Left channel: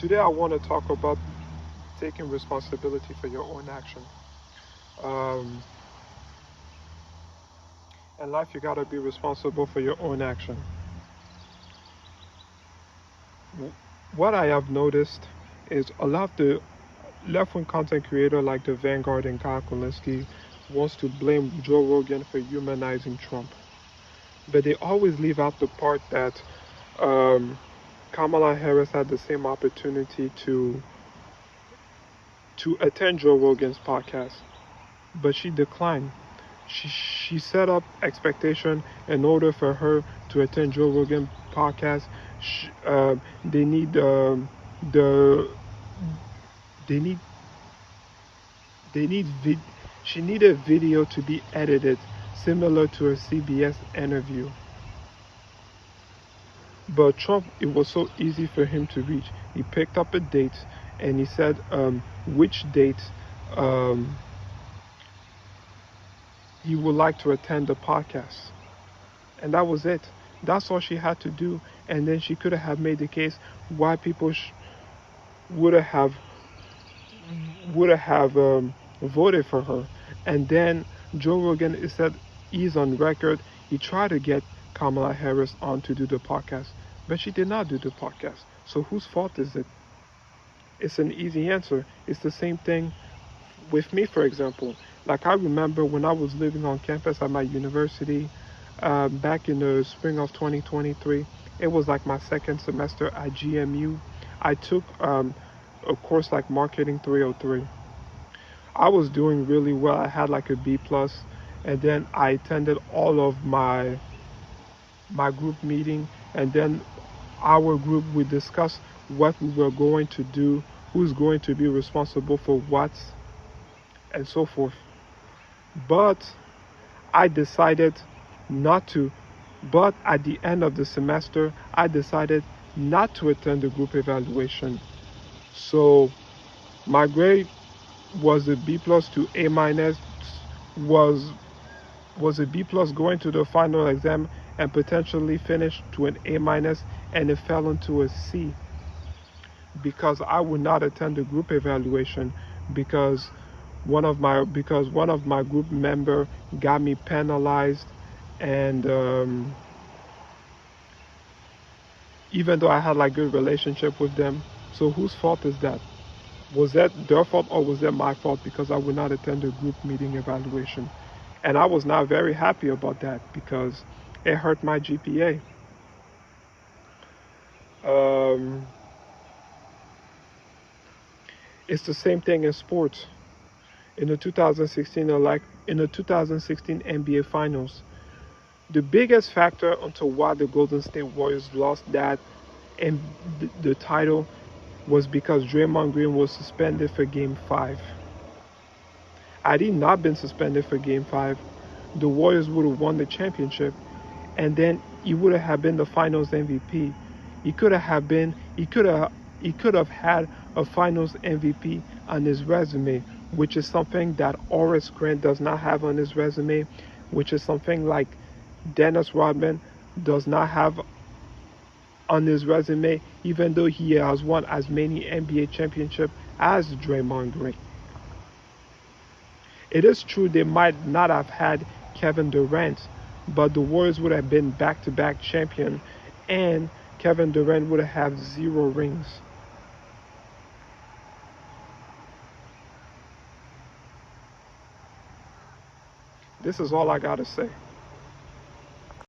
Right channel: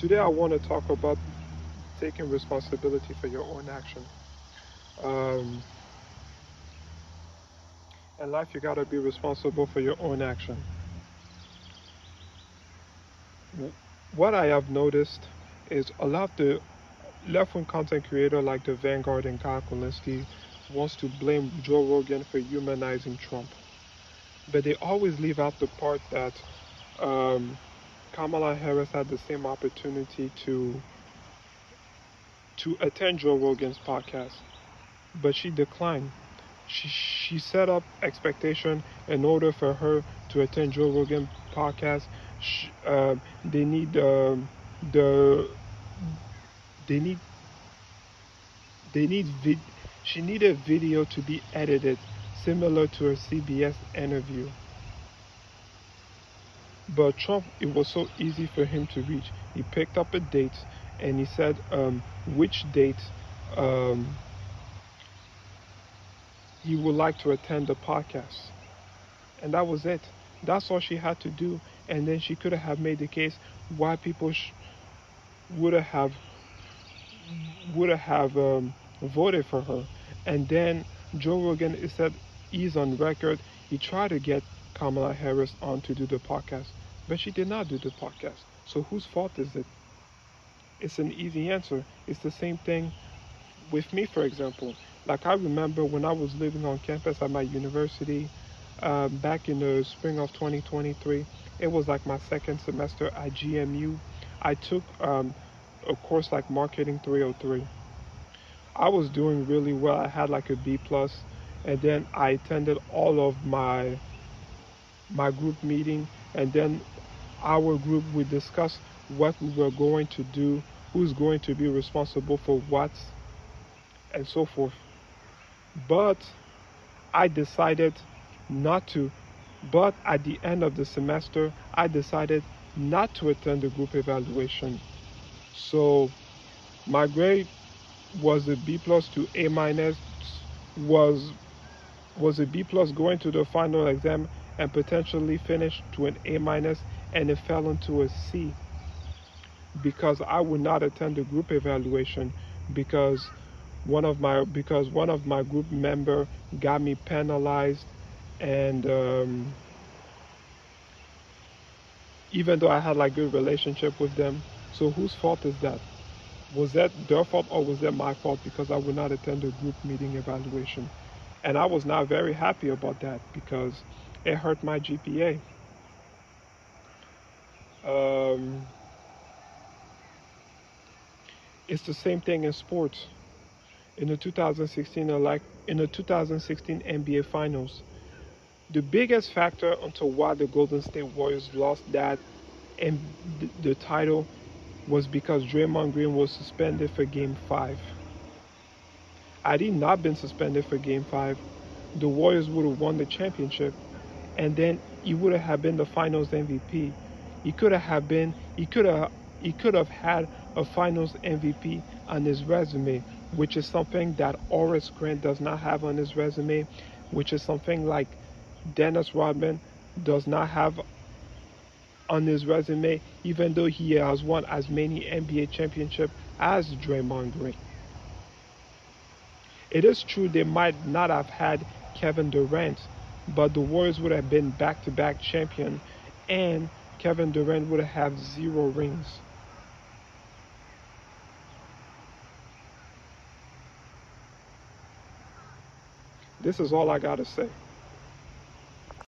Today I want to talk about taking responsibility for your own action. Um, in life, you gotta be responsible for your own action. What I have noticed is a lot of the left-wing content creator like the Vanguard and Kyle Kulinski wants to blame Joe Rogan for humanizing Trump, but they always leave out the part that um, Kamala Harris had the same opportunity to attend Joe Rogan's podcast, but she declined. She set up expectation in order for her to attend Joe Rogan podcast. They need the they need they need vid, she needed video to be edited similar to a CBS interview. But Trump, it was so easy for him to reach. He picked up a date and he said which date um, he would like to attend the podcast. And that was it. That's all she had to do. And then she could have made the case why people would have voted for her. And then Joe Rogan is said he's on record. He tried to get Kamala Harris on to do the podcast, but she did not do the podcast. So whose fault is it? It's an easy answer. It's the same thing with me, for example. Like I remember when I was living on campus at my university back in the spring of 2023. It was like my second semester at GMU. I took a course like Marketing 303. I was doing really well. I had like a B plus, and then I attended all of my group meeting, and then our group we discussed what we were going to do, who's going to be responsible for what, and so forth. But I decided not to. But at the end of the semester, I decided not to attend the group evaluation. So my grade was a B plus to A minus, was was a B plus going to the final exam and potentially finished to an A minus, and it fell into a C because I would not attend the group evaluation because one of my group member got me penalized, and even though I had like good relationship with them. So whose fault is that? Was that their fault or was that my fault because I would not attend the group meeting evaluation? And I was not very happy about that because it hurt my GPA. Um, it's the same thing in sports. In the 2016 NBA Finals, the biggest factor onto why the Golden State Warriors lost that and the title was because Draymond Green was suspended for Game 5. Had he not been suspended for Game 5, the Warriors would have won the championship, and then he would have been the Finals MVP. He could have had a Finals MVP on his resume, which is something that Horace Grant does not have on his resume, which is something like Dennis Rodman does not have on his resume, even though he has won as many NBA championships as Draymond Green. It is true they might not have had Kevin Durant, but the Warriors would have been back-to-back champion, and Kevin Durant would have 0 rings. This is all I gotta say.